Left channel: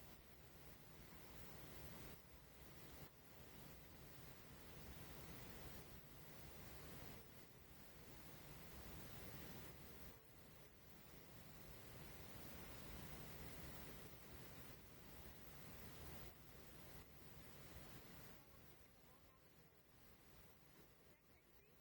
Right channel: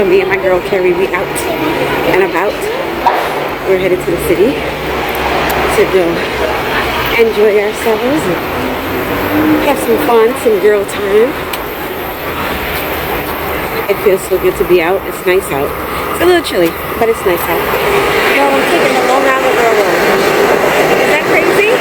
So me and my girl Carrie, we out and about. We're headed to the city to go enjoy ourselves and have some fun, some girl time. It feels so good to be out. It's nice out. It's a little chilly, but it's nice out. Yo, I'm taking the Long Island Railroad. Is that crazy?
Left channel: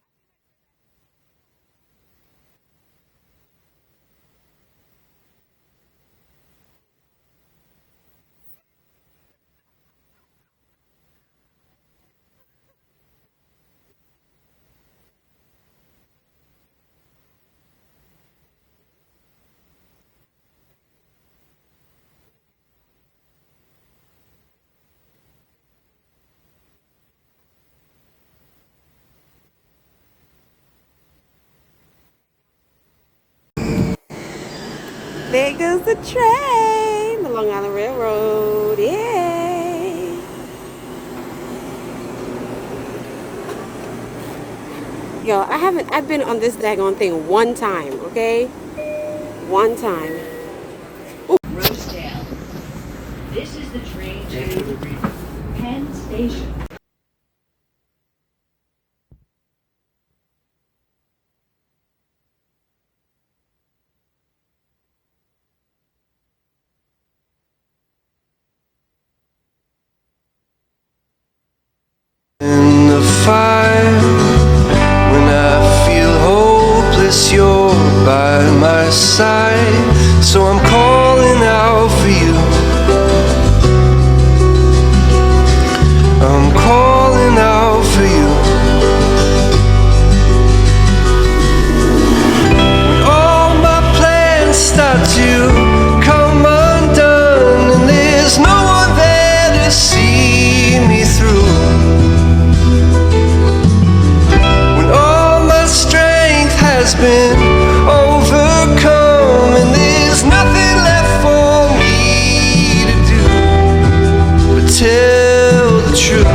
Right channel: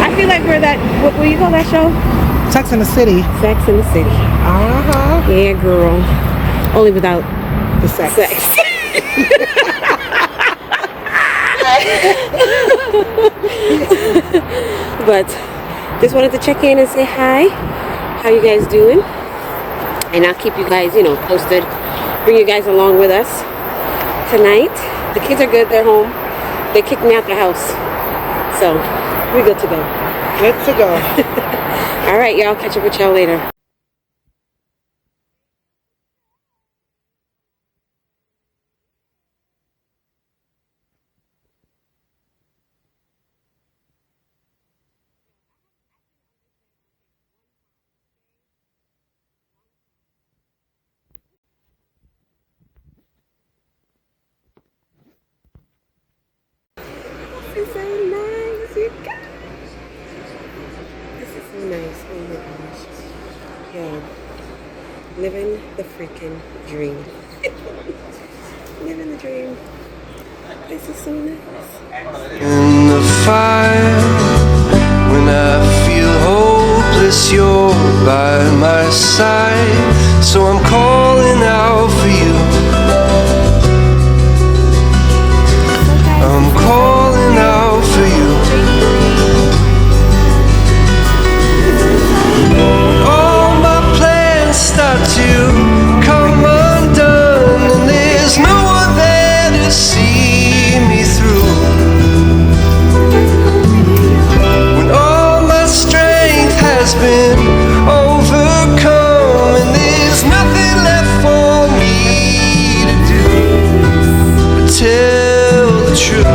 I feel like we're that, what you call that show? Sex in the City. Sex in the City. Uh-huh. Yeah, girl. Only without The sex. But just wanted to check in and say hi. How you guys doing? And I'll keep you guys, posted. Bring you guys along with us tonight. The kids are good. They're home. They kicked me out the house. So we're good to go. Good to go. All right, y'all. Catch up with y'all later. There goes the train. The Long Island Railroad. Yay. Yo, I've been on this daggone thing one time, okay? One time. Rosedale. This is the train to Penn Station. This is so nice, you guys. This is so nice. Oh my gosh. Yo, living the freaking dream. Living the dream. This is so nice. In the fire, when I feel hopeless, you're by my side. So I'm calling out for you. I'm calling out for you. When all my plans start to come undone, and there's no one there to see me through. When all my strength has been overcome, and there's nothing left for me to do but tell the truth.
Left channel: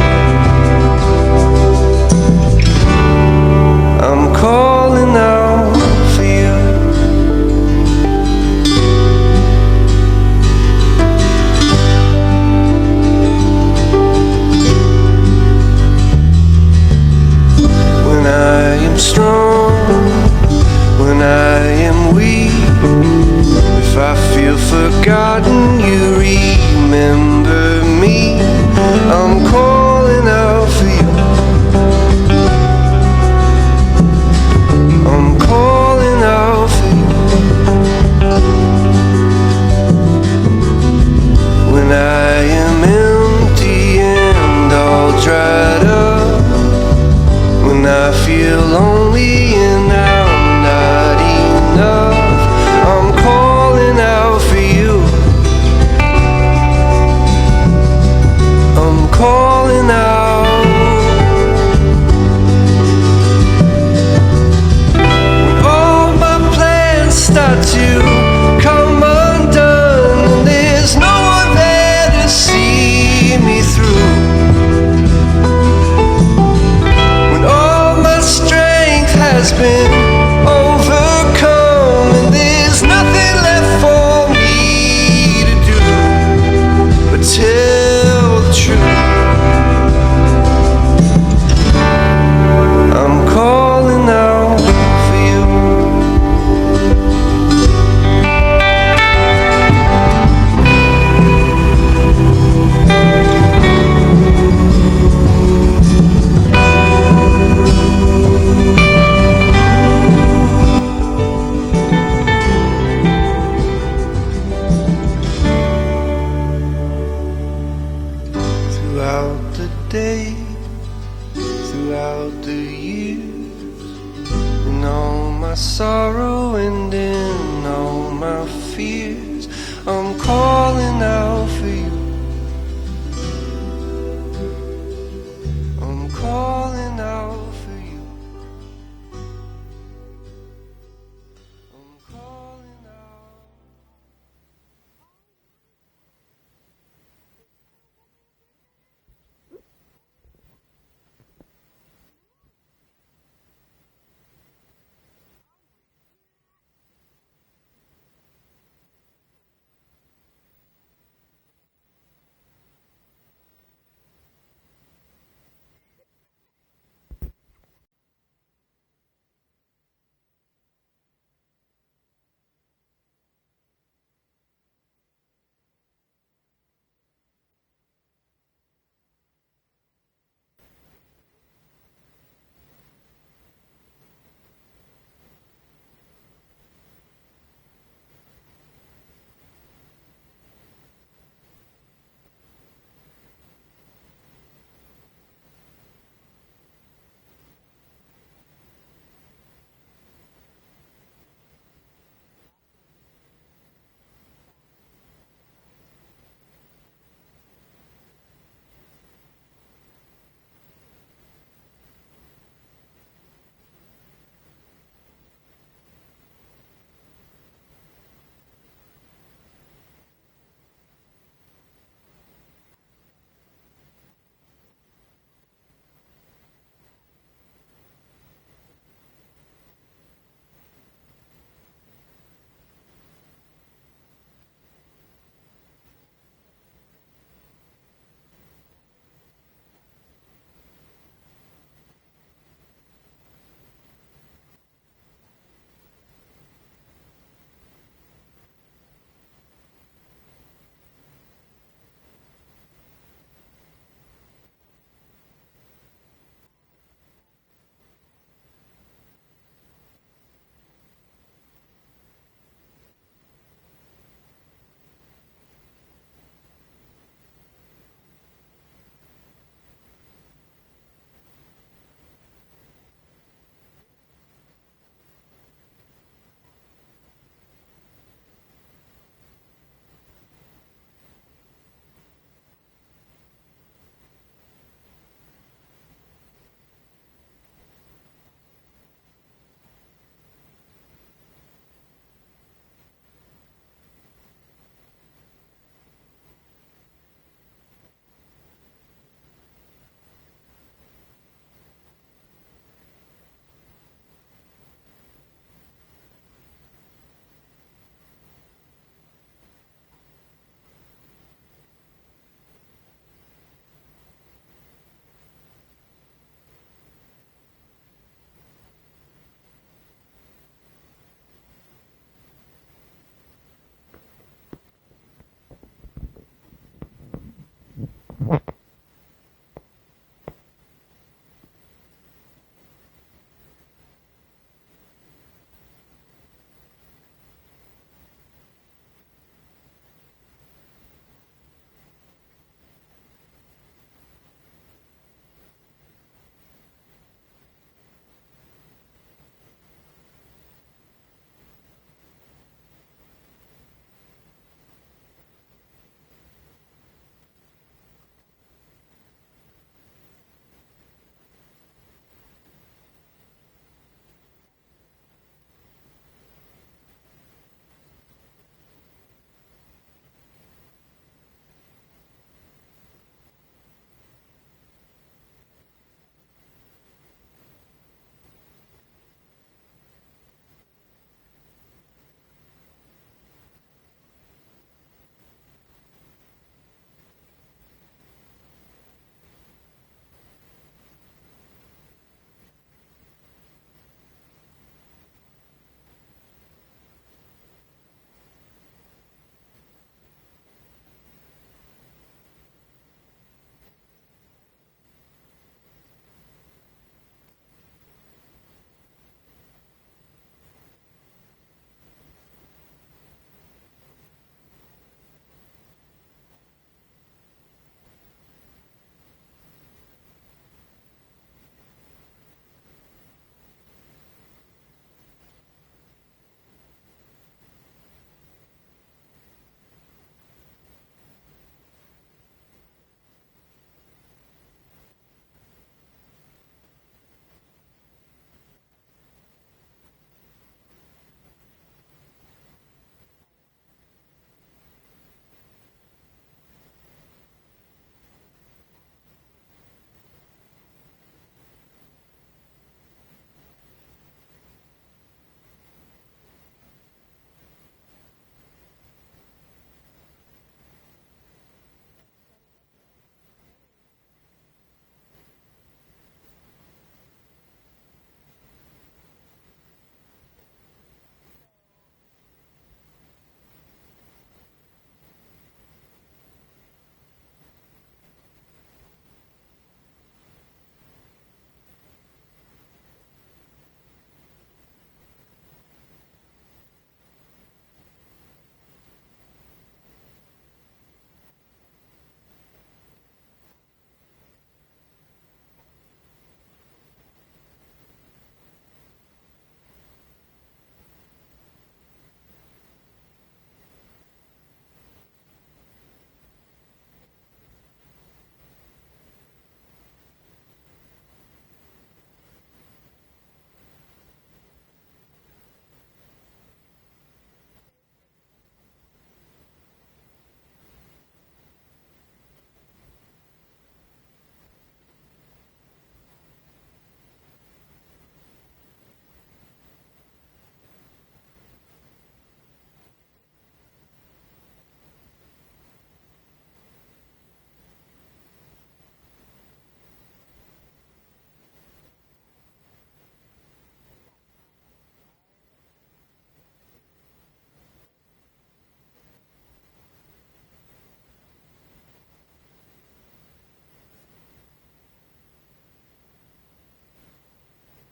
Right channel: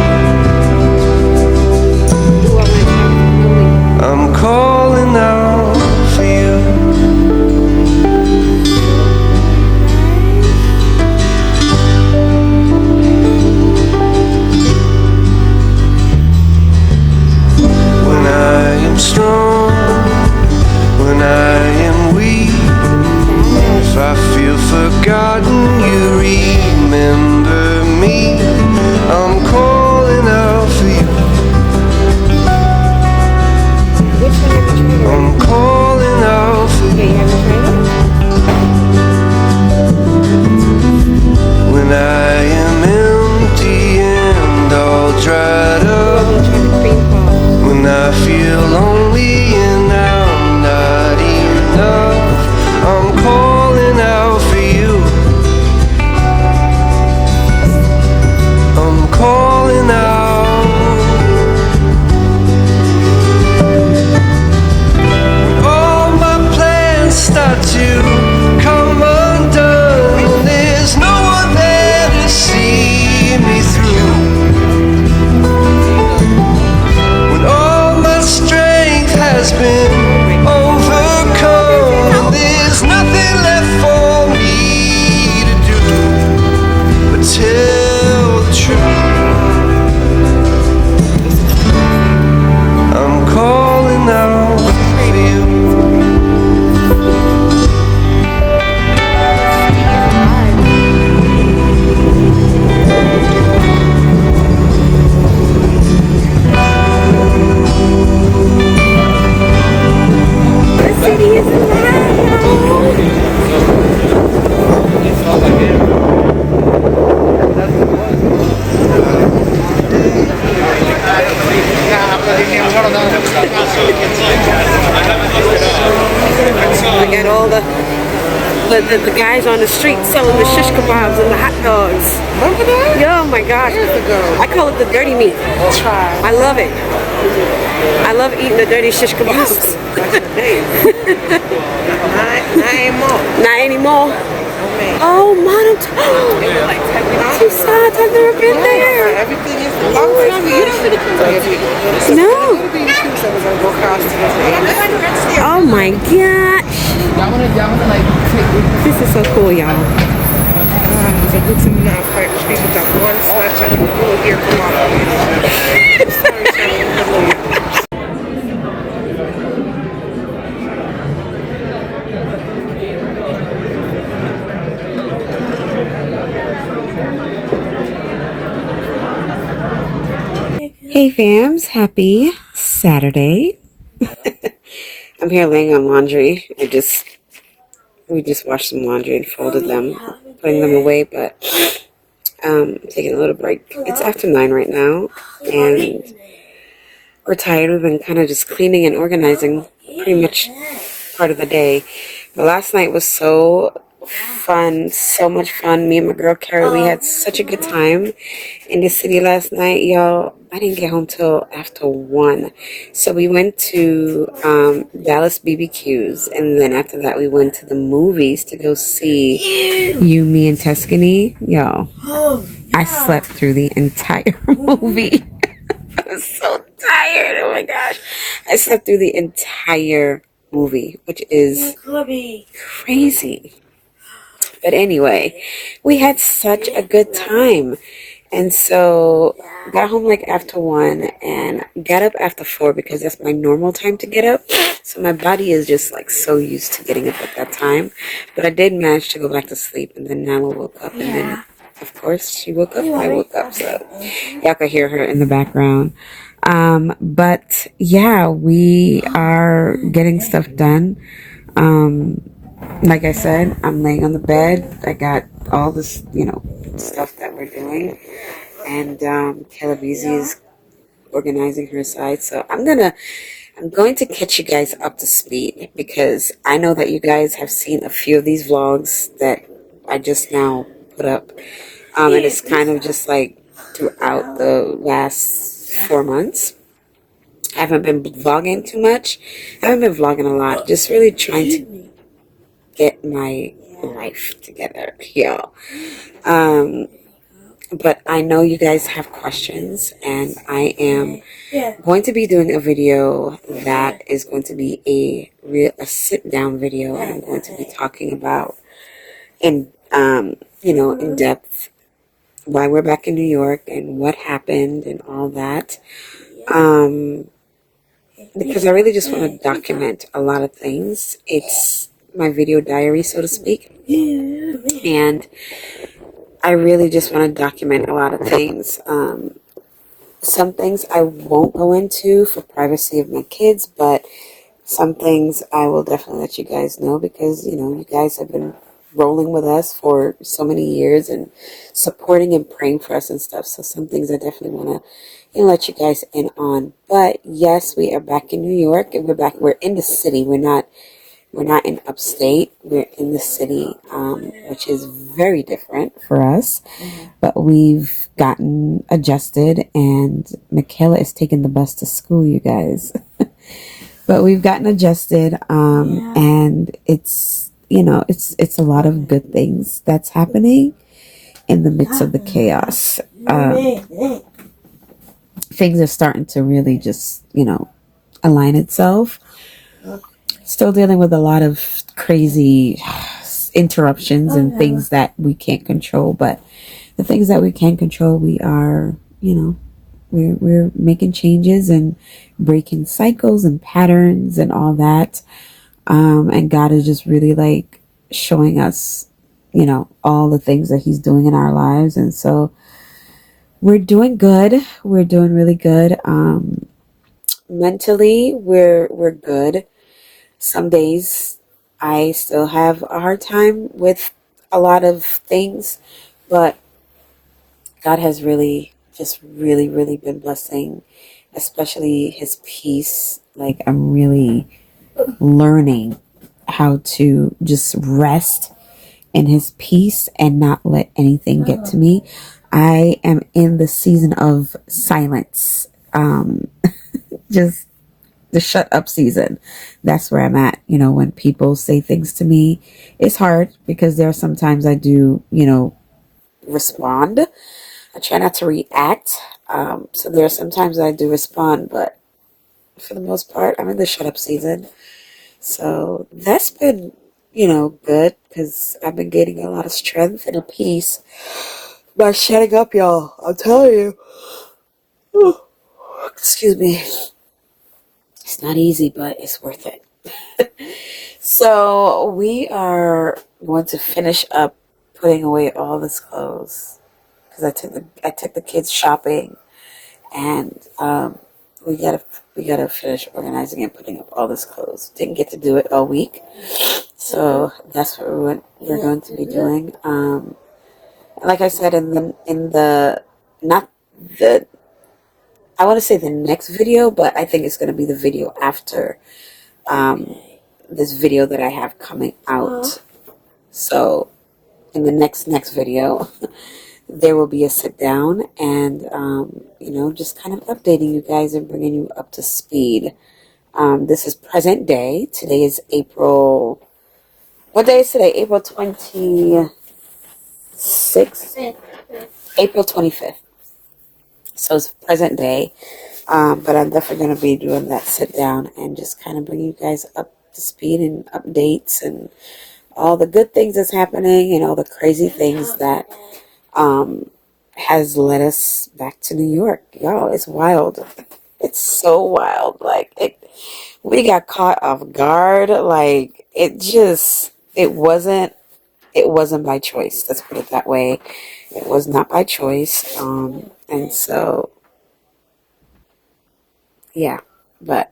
I'm calling out for you. When I am strong, when I am weak, if I feel forgotten, you remember me. I'm calling out for you. I'm calling out for you. When I am empty and all dried up, when I feel lonely and I'm not enough, I'm calling out for you. I'm calling out. When all my plans start to come undone, and there's no one there to see me through. When all my strength has been overcome, and there's nothing left for me to do but tell the truth. I'm calling out for you. The city is I got all the guys on the street selling the shish kebabs and the hot dogs. Remember that? Yo, oh my gosh. I call it the dirty meat. I love it. I love eating the dirty shish kebabs. Not anymore. Not anymore. Okay. Oh, man. They were like $10. She saw I've never been there. Everything is long time you don't really come to No. little baby shoes that was gonna go across to the Oh my gosh. This is so cool, y'all. It's a good thing now for people that one snatch and go here from Hey fams, happy Saturday. I'm here laying on laundry. We just washed some laundry and folded them, putting them away, but taking a little break. It's after 9 right now, and we're tired. We've been kind of just cleaning and organizing pretty much part of the day. But last night was so fun, so much fun. Me and my girl Kayla, we had such a good time in the city last night, y'all. I didn't get home till after 1. So we went to Dallas BBQs, and then after that we went to the movies to go see You, Me, and Tuscany. Y'all, I slept through the entire movie. I was so tired. Oh my gosh. I slept through the entire movie, which is crazy. But anyway, we had such a good time. And so got home like after 1 and got up after 4 because that's my normal time to get up. So my body is just like so used to getting up at that time. But I did manage to go back to sleep, and then Nyla woke up, and then of course she woke up, I woke up. So y'all could hear her in the background. But yeah, we are getting stuff done. Like I said, I'm laying on the bed. I got all this, stuff that we're doing. And Kayla is organizing her side. So I'm going to catch you guys up to speed, because I know that you guys have seen a few of these vlogs that I just now put up. And it's kind of just like throughout the last 4 months. I haven't been vlogging too much. I haven't been vlogging a lot. Just really trying to get my life together, y'all. But I know you guys have questions, and I am going to be doing a video that is going to be a sit-down video, and I'm going to be talking about in depth why we're back in New York and what happened and all that. Because I really just want to document a lot of things. It's my video diary, so to speak. And I really just want to document a lot of things. Some things I won't go into for privacy of my kids, but some things I will definitely let you guys know, because, you guys have been rolling with us for so many years and supporting and praying for us and stuff. So some things I definitely want to let you guys in on. But yes, we are back in New York, and we're in the city. We're not in upstate. We're in the city, which is very different for us. But we've gotten adjusted, and Michaela is taking the bus to school, you guys. But we've gotten adjusted, and it's a lot of good things that's happening in the midst of the chaos. Things are starting to really just, align itself. Still dealing with a lot of crazy interruptions and things that we can't control, but the things that we can control, we are, we're making changes and breaking cycles and patterns and all that. And God is just really like showing us, all the things that He's doing in our lives. And so we're doing good. We're doing really good. Mentally, we're good. Some days I still have a hard time with a lot of things, but God has really been blessing, especially His peace. Like, I'm really learning how to just rest in His peace and not let anything get to me. I am in the season of silence. Just the shut up season. That's where I'm at. When people say things to me, it's hard, because there are sometimes I do, respond. I try not to react, So there are some times I do respond, but for the most part, I'm in the shut up season. So that's been, good because I've been gaining a lot of strength and a peace by shutting up, y'all. I'm telling you. Excuse me. It's not easy, but it's worth it. So we are going to finish up putting away all this clothes because I took the kids shopping, and we gotta finish organizing and putting up all this clothes. Didn't get to do it all week, so that's what we're going to be doing. Like I said in the not the I want to say the next video, but I think it's going to be the video after this video that I have coming out. So in the next video, there will be a sit down and just kind of updating you guys and bringing you up to speed. This is present day. Today is April. What day is today? April 26th. April 25th. So it's present day. But I'm definitely going to be doing that sit down and just kind of bring you guys up to speed and updates and all the good things that's happening and all the crazy things that has led us back to New York. Y'all, it's wild. It's so wild. We got caught off guard. It wasn't by choice. Let's put it that way. It was not by choice. And so, yeah, but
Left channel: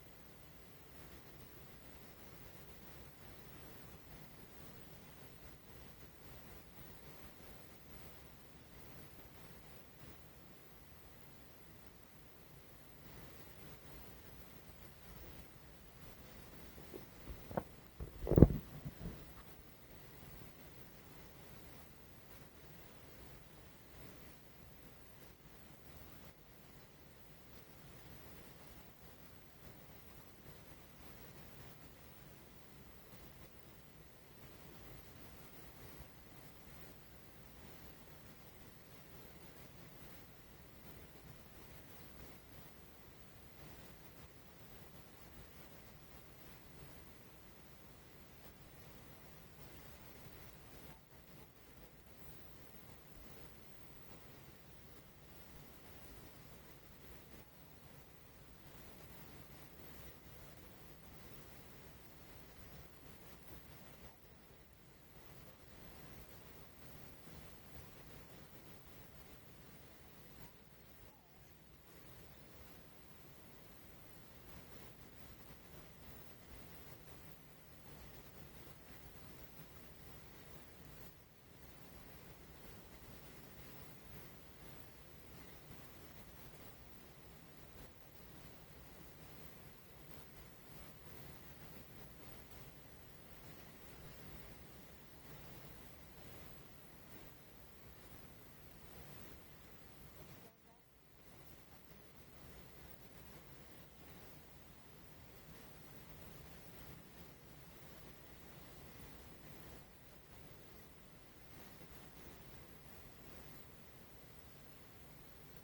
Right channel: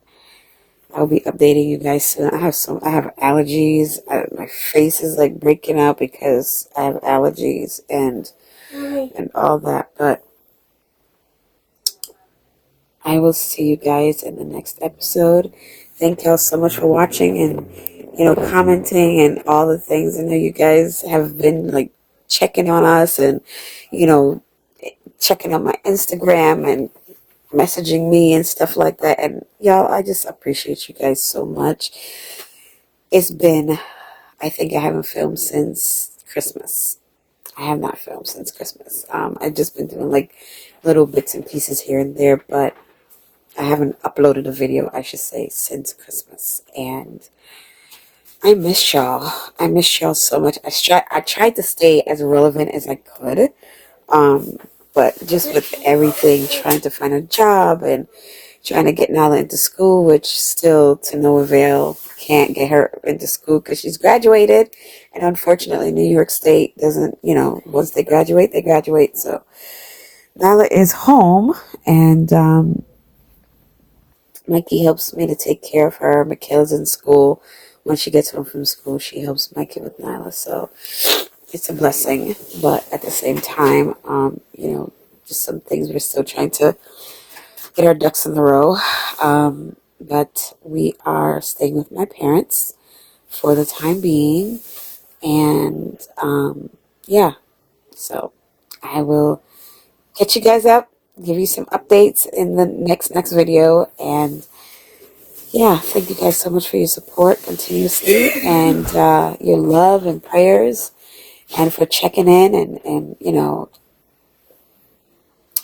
I'll be updating you guys soon. I have allergies. My face is like breaking out because I have allergies and all that. But I will see you guys in the next episode. Thank y'all so much for watching and commenting and all the things. I know you guys have been checking on us and checking on my Instagram and messaging me and stuff like that. And y'all, I just appreciate you guys so much. I think I haven't filmed since Christmas. I have not filmed since Christmas. I've just been doing little bits and pieces here and there, but I haven't uploaded a video, I should say, since Christmas. And I miss y'all. I miss y'all so much. I tried to stay as relevant as I could. But just with everything, trying to find a job and trying to get Nyla into school, which still to no avail, can't get her into school because she's graduated. And unfortunately, New York State doesn't, once they graduate, they graduate. So Nyla is home, and Mikey helps me to take care of her. Michaela's in school. When she gets home from school, she helps Mikey with Nyla. So it's a blessing, but at the same time, just some things we're still trying to get our ducks in the row. But we are staying with my parents for the time being, and yeah. So I will catch you guys up, give you some updates in the next video, and yeah, thank you guys so much for your support continuously and your love and prayers. And for checking in and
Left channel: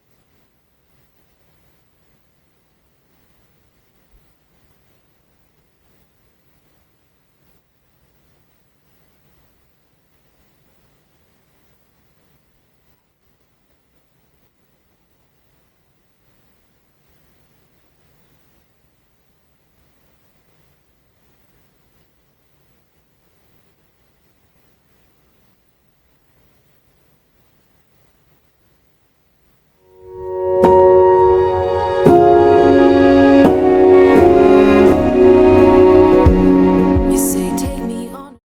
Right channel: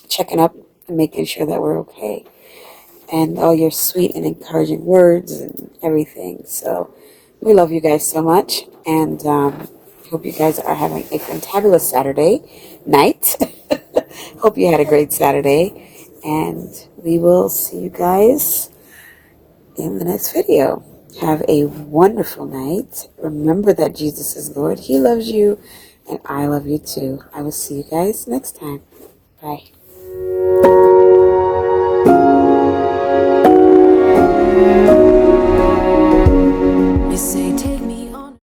checking up and making sure that we're okay. And all your sweet and encouraging words and everything. So we love you guys so much. And hope you guys are having a fantabulous Saturday night. Hope you had a great Saturday. And we will see you guys in the next video. Have a wonderful night. Remember that Jesus is Lord. He loves you, and I love you too. I will see you guys next time. Bye.